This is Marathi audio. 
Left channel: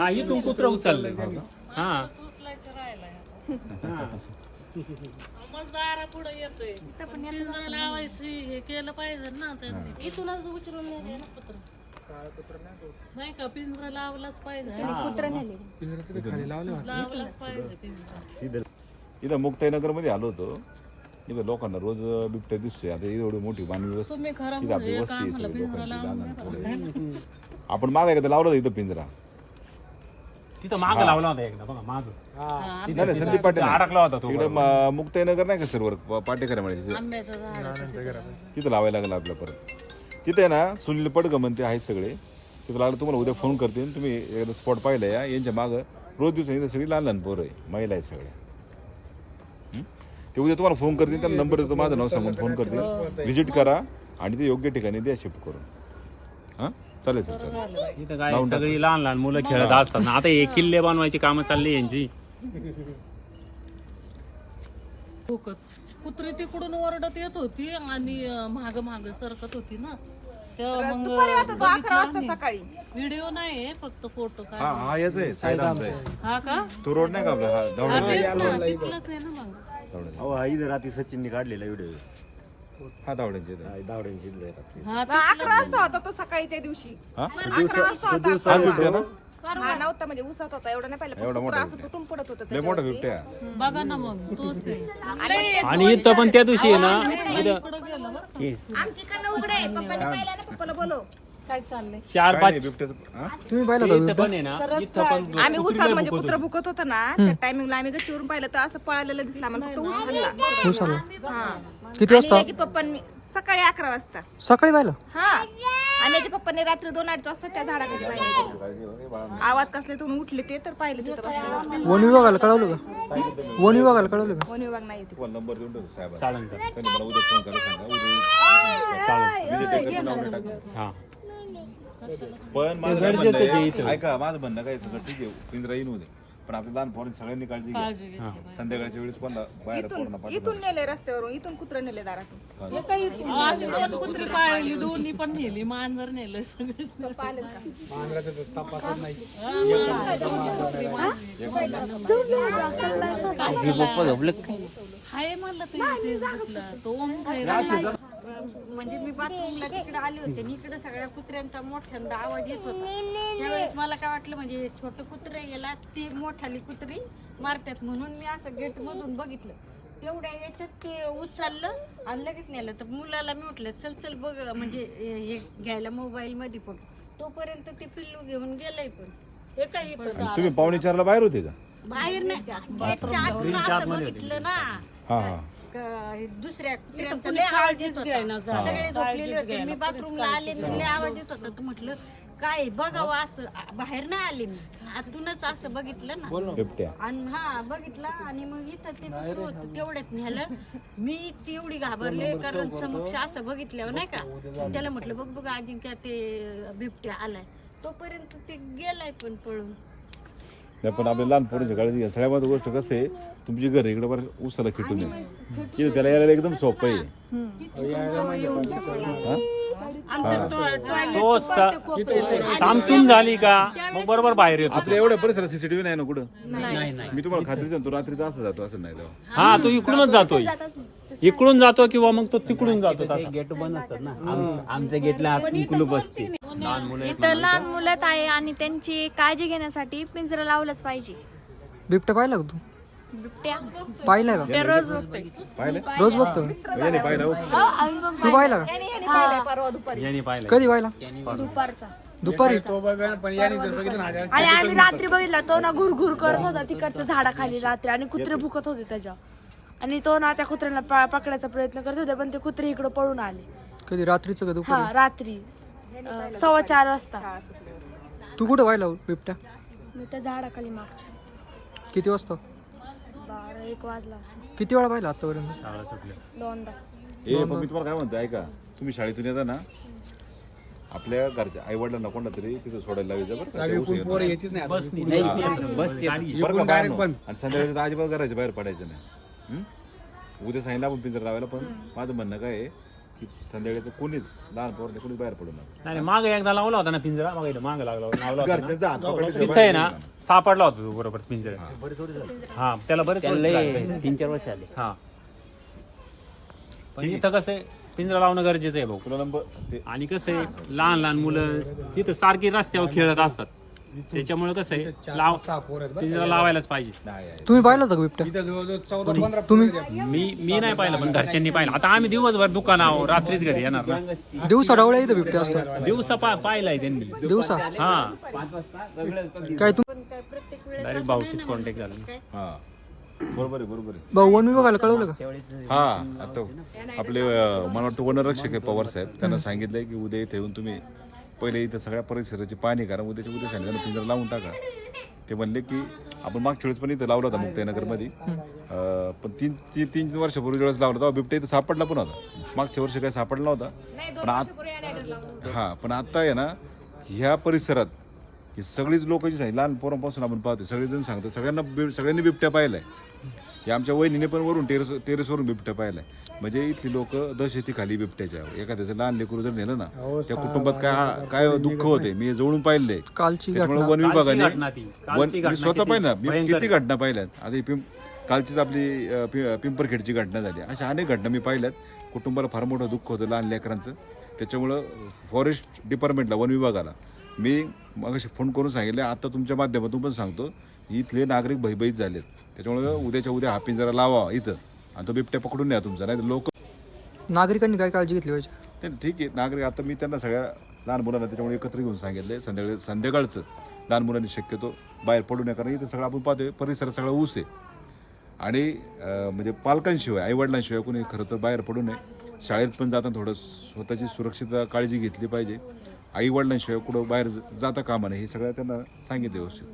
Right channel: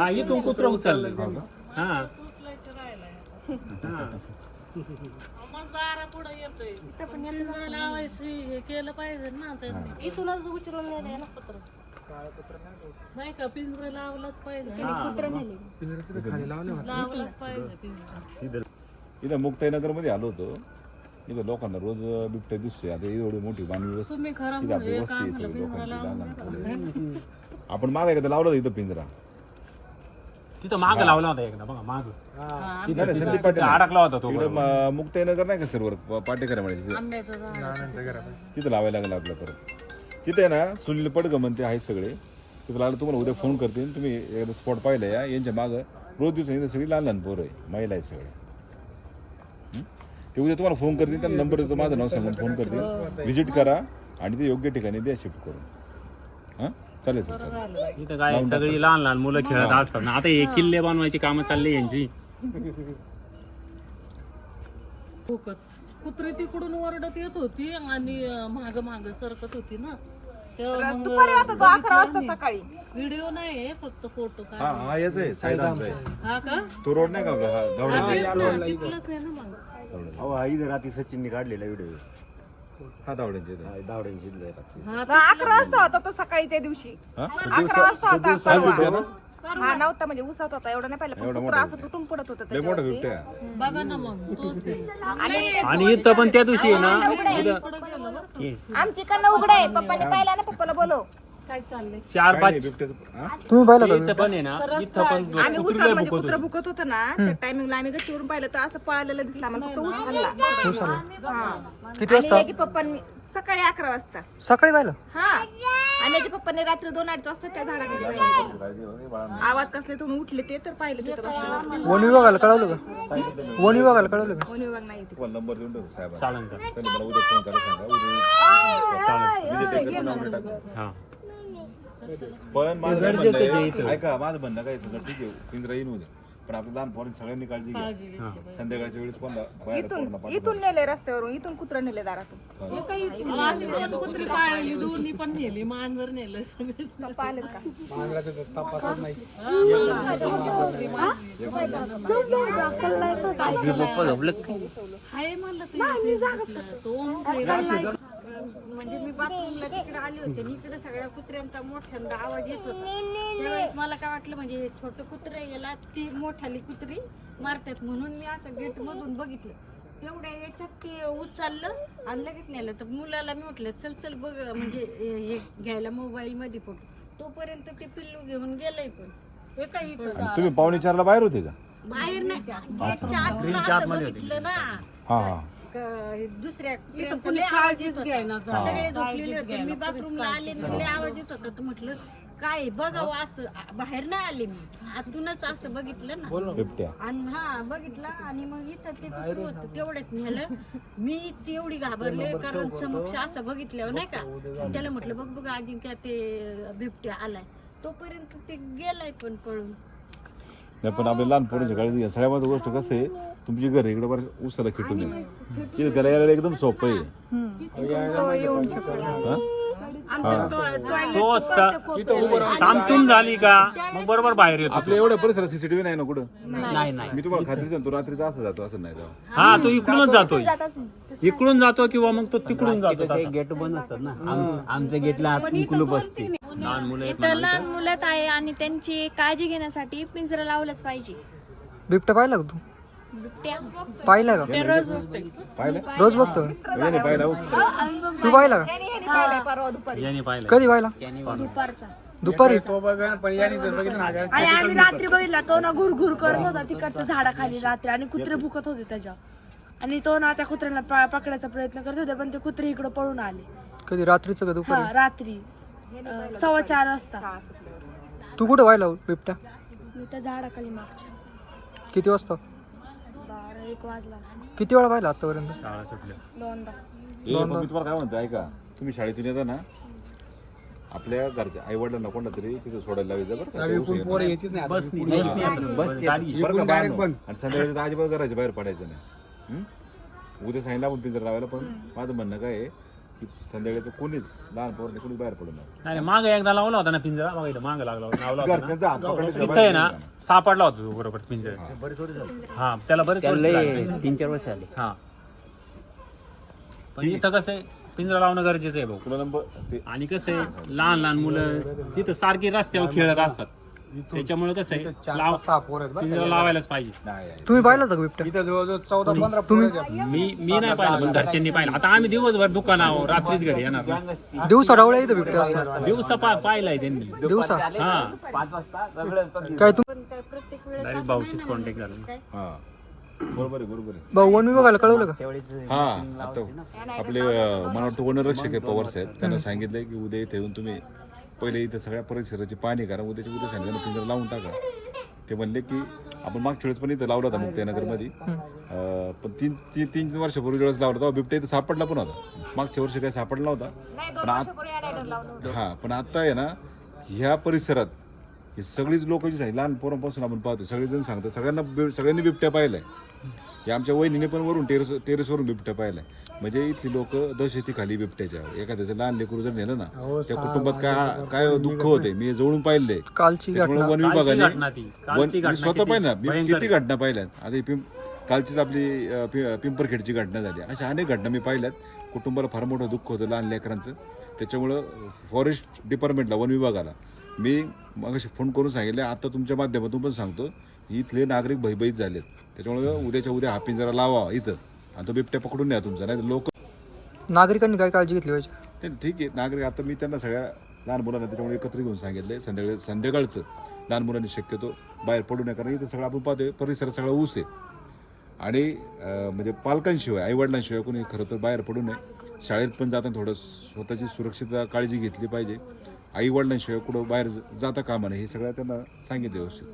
हा इथून कुत्र उचललंय. हा पुढे येतोय. लावायची हे केलं पाहिजे ना त्यांनी. इथूनच उचलून नेले ना कुत्रं. नाही का? पिंजरा लावलाच पाहिजे. लावलाच पाहिजे पिंजरा. इथं मुक्ताईनगरमध्ये आलो होतो. इथं लोकांना रोज बिबट्या दिसतोय. आता एवढी मोठी वस्ती आपली म्हणजे वस्ती आहे सगळी लोकांची. आपण मागे एकदा लावलं इथं पिंजरा. तिथं माग लावला होता एकदा बघा माग. हा, नाही नाही, संदीप पाटील नाही. अडकला होता तो इकडे म- मुक्ताईनगर नाही का शिरवर पाटेकर म्हणायचे आंब्याचं झाड तिथं. लावायला लागलं आपलं परत. तिथे ना सुनील पडगमन ते आहेत सगळे. तिथं लागलं तुम्हाला उद्या फोन करतील तुम्ही एकदा स्पॉट पाहिलं या. यांच्या मागं रोज दिवसांनी इथं सगळी लहान लहान पोरं आहे महिला आहेत सगळ्या हं? ते उद्या तुम्हाला फोन करतील त्यांना नंबर देतो माझं नाव सांगून फोन करतील. व्हिजिट करा आणि ते योग्य ठिकाणी द्या शिफ्ट करून. हां? चालेल सर चालेल. इथं काय लावून. सगळी लहान लहान मुलं खेळत असतात ना. आता हे किल्ले बनवायची कामं चालली यांची. भुकत कुत्री तिकडून ओरडत येत होती आणि माग माग सरकत होती ना. तेव्हा मग व्हिडिओ नाही फक्त फोटो हा काय हा याच आहे सायदानचा आहे. हा का? तो रोड नाही का? आपला हा हा, धावडा तेच ना, तिथलंच आहे ना मग. धावड्याचा. अहो आई रात्री सचिनने काढलेला व्हिडिओ. हा धावड्यांचे इथं. दावड्यांची रात्री. हा अकरा वाजता होता तो सकाळी त्या दिवशी. हा? अकरा वाजता होता. हाच बिबट्या ना हा नव्हता म्हणजे उसात होता. एवढा नाही पाहिलं. एवढा पण मोठा कुत्रा असं बिबट्या. तुटून पडत होतं लय मोठा त्याच्यावरती. बिबट्या बघा ना मग तोच आहे. आणि इथं पण त्या दिवशी आहे ना इथं इकडं गेलं बरं का? आमची कन्न उघड आहे. पप्पाने पाहिला ना पप्पाला बोलव. काय चाललंय? चार काय पाच नाही बिबट्याचं हा? इथं पण आहे ना इथं पण आम्ही उसात म्हणजे भुकत कुत्रा होती. भुकत होता ना त्या टायमिंगला आम्ही गच्चीवरून पाहिलं तर असं पळालेलं दिसला आम्हाला. फक्त ऊस हल्ला. हा. किती आणि वाजता? याच्या पप्पांनी सकाळी अकरा वाजता. सकाळी पाहिलं हा. आणि याच्या पप्पांनी रात्री दोन अडीच वाजता त्या झाडाखाली पाहिलं आवाज कसले तुम्ही उठले ते तर पाहिले तिथं वन विभागाला कळवलं का? वन विभागाला कळवलं का? वन विभाग नाही येते तुम्हाला नंबर देऊन ठेवतो साहेब चालेल चालेल. त्यांनी मला उद्या फोन करायला सांगा. उद्या विजिट एकत्र नाव टाका हा. पण माझं काय म्हणणं आहे. ऐका माझं म्हणणं काय सगळं ठीक आहे. पिंजरा येईन उद्या. पण आपल्या लहान पोरांनी सगळ्यांनी काळजी घ्या काळजी घेतली पाहिजे. संध्याकाळच्या वेळेस कोणता बाहेर पोरांना इथून नेले रस्त्यावरून इथून कुत्रा नेले दारातून आम्ही दोन कुत्री पाळली दोन्ही पण नेली मांजर नेलं सगळं हाय म्हणलं ते फेसबुकला तो ओम खायला म्हणजे मी बाथरूमला तिकडे आले होते आणि इकडे सगळ्या कुत्र्यांचा मोठ्यांदा आवाज येत होता. त्यावेळेस मला काय वाटलं म्हणजे हे छोटं कुत्रे याला ती मोठाली कुत्री मारतात म्हणून मी असं गेट मधून बघितलं. तेवढ्या याच्यात ते उचललं आणि लगेच नेलं. तर मुलाला मी म्हटलं चल चल बघ म्हणजे हे घ्यायला मोबाईल मध्ये फोटो तोपर्यंत ते पिल्लू घेऊन गेलंय पण. हे काही तुम्ही पावणे चारला बाहेर होते का? बाहेर नाही. गेटच्या आतून असं बघितलं ना. हा हा. दुसऱ्या ट्रेनचा लय आवाज येत होता. सगळे झोपलेले होते. मी बाथरूमला आले आणि लय आवाज येत होता. तर म्हटलं काय बघावं असं. बाहेर नाही आले मी. आतूनच असं बघितलं ना. बिबट्या. आणि हा बघितलं आणि मग इथं ते कुत्रं होतं. तेवढ्यात नेलं. मीच एवढी घाबरले कारण समक्ष असं बघितल्यावर नाही का. त्याला म्हटलं बघ बघ अजिंक्य ते बिबट्या आलाय. तोपर्यंत ते गेलाय पण पळून. नाही पण आपल्या लहान पोरांची काळजी गोष्ट कसं आहे तुमची घर इकडे बरं उसाला खिटून तिथे त्याला यायला एकदम सोपं आहे. हा? तो स- सामसून झाली का? मग बरोबर बाहेर येतो. आपल्या एवढ्या परिसरात सीसीटीव्ही नाही ना कुठं? मी तुम्हाला खात्री सांगतो रात्रीचा असं जातो असं नाही तेव्हा हा तो इकडूनच जातोय. इकडून जातो किंवा मग तो तिकडून जातो गेट बंद असतात ना. आम- आमच्या गेटला आतून कुलूप असते. लहान मुलं आहेत इथं लहान मुलं आहे आणि त्यांची काळजी घेण्यासाठी पिंजरा लावलंच पाहिजे. बिबट्या पाहिला का तू? बिबट्या. का? रोज बघतोय. पाहिलं? रोज बघतो? याने पाहिलं हो. तू पाहिला का? यांनी पाहिलं कधी पाहिला? दुपारचा. दुपारी? आणि आम्ही रात्री बघितला तो ना घुर घुर करत होता तिकडच्या झाडाखाली रात्री आणि कुत्रे भुकत होते त्याच्या. आणि तो ना त्या कुत्र्यांना पा- पकडायचा प्रयत्न करत होते पण ते कुत्रे इकडे पळून आले. कधी? रात्रीचं का हा दुपारी रात्री. अं, सव्वा चार वाजता. तू कुठं पाहिला हो बिबट्या? मी त्या झाडाखाली मागच्या. किती वाजता? बारा एक वाजला असेल. किती वेळा पाहिला आतापर्यंत? शाळा सुटल्या. दोनदा. ए, पण मी तुम्हाला काय म्हणतो ऐका. तुम्ही शाळेतून येता ना आपल्या घरच्या आई वडिलांना कोणता तरी तिथे सोडायला लावायचं बरं का? ते उशीर येणार. बस गाडी बरं का बाळांनो? आणि संध्याकाळी तर अजिबात घराच्या बाहेर पडायचं नाही. हं? उद्या सांगितलं आपण पिंजरा लावायला पण माझं म्हणणं काय आहे की संध्याकाळचं कोणीच लहान पोरांनी कोणीच बाहेर पडू नका नाही नाही, मागे एकदा लावला होता ना पिंजरा? मागे मागे लागला होता, लावला होता ना. घरच्यांचा हात पकडले तिथं आहे ना सापडला होता तो बरोबर पिंजरा. हा. त्याला बरेच वर्ष त्याला. तीन चार वर्ष आले हा. पण इथं कसं आहे पिंजरा लावणं गरजेचं आहे भाऊ तुला नंबर? ते आणि कसं आहे लहान लहान मुलं तिथं सारखी रस्त्यावर खेळत असतात. त्याच्यामुळे कसं आहे लाव पिंजरा लावायलाच पाहिजे. तुम्ही पाहिलं होतं का बिबट्या? तुम्ही मी मी नाही पाहिलं पण घरच्यांनी पाहिलं. आता आम्ही दिवसभर दुकानावर रात्रीच घरी येणार ना. दिवसा डावळ्या इथं बिबट्या असतो दिवसा पा पाहिलाय त्यांनी. दिवसा? हा. काय तुम प्रत्येक वेळेस डायरेक्ट भाऊशीच कॉन्टॅक्ट झाला हा. बरोबर आहे बरोबर आहे. भाऊ वन विभागाला कळवलं का? हा आता आपले मला वाटतं वनरक्षक आहे पवार साहेब. त्यांना सांगितलंय की उद्या इथे येऊन तुम्ही पहिले इथं सगळ्या परिसराची पाणी करा उद्याच्या उद्या सांगितलं पिंजरा लावून टाका. ते म्हणले की आपण मागच्या वेळेस पण इथं लावला होता मुक्ताईनगरमध्ये. अं, पण तीन तीन तीन वर्षापूर्वी वेळेस लावला होता बिबट्या इथं सापडला पण होता. मागच्या वर्षी काही सापडला नव्हता. पण आत हा पण आता आहे ना ह्या परिसरात ही सगळीच लोक जी आहे लहान पोरांपासून आपण पाहतो सगळेजण सांगतात सगळ्यांना बिब- सगळ्यांनी बिबट्या पाहिल्या. हे आमच्या वहिनीने पण वरून टेरेस टेरेसवरून बिबट्या पाहिलाय. म्हणजे इथली लोक दहशती खाली बिबट्याच्या. एखाद्याचं लहान लेकरू जर नेलं ना त्या कुटुंबात काय काय दुःख होते? मी जवळून त्याच्यामुळे घटना वन विभागाने. वन मी स्वतः पाहिलं मी किती घटना पाहिल्यात? ही पिंप कालचीच आपली पिंपरखेडची घटना झाली. अशा अनेक घटना मी पाहिल्यात. कुटुंबाला फार मोठं दुःख होतं लहान लेकरांचं. त्याच्यामुळं फॉरेस्ट डिपार्टमेंटला वन विभागाला मी मग फोन करून सांगितले. आता तुमच्या माध्यमातून पण सांगतो. इथले नागरिक भयभीत झालेत. त्याच्यामुळे उद्याच्या उद्या हा पिंजरा लावा इथं. आणि तो बिबट्या पकडून न्या तुमचा नाही लोक नागरिकांनी काय काळजी घेतली पाहिजे? ठीक आहे नागरिक आता मी त्यांना सगळ्या लहान मुलांना त्याच्यामुळे एकत्रित घेऊन सांगितले संध्याकाळी संध्याकाळचं लहान मुलांनी शक्यतो बाहेर पडू नये कारण इथं सगळं आपण पाहतोय परिसर सगळा ऊस आहे. आणि म्हणजे पालकांशिवाय आईवडिलांशिवाय कोणी खरं तर बाहेर पडू नये. शाळेत पण जाताना थोडं स्वतःची सुरक्षितता काळजी घेतली पाहिजे. आईवडिलांशिवाय कुठं बाहेर जाता कामा नये हे सगळं त्यांना सांगितलं व्यवस्थित.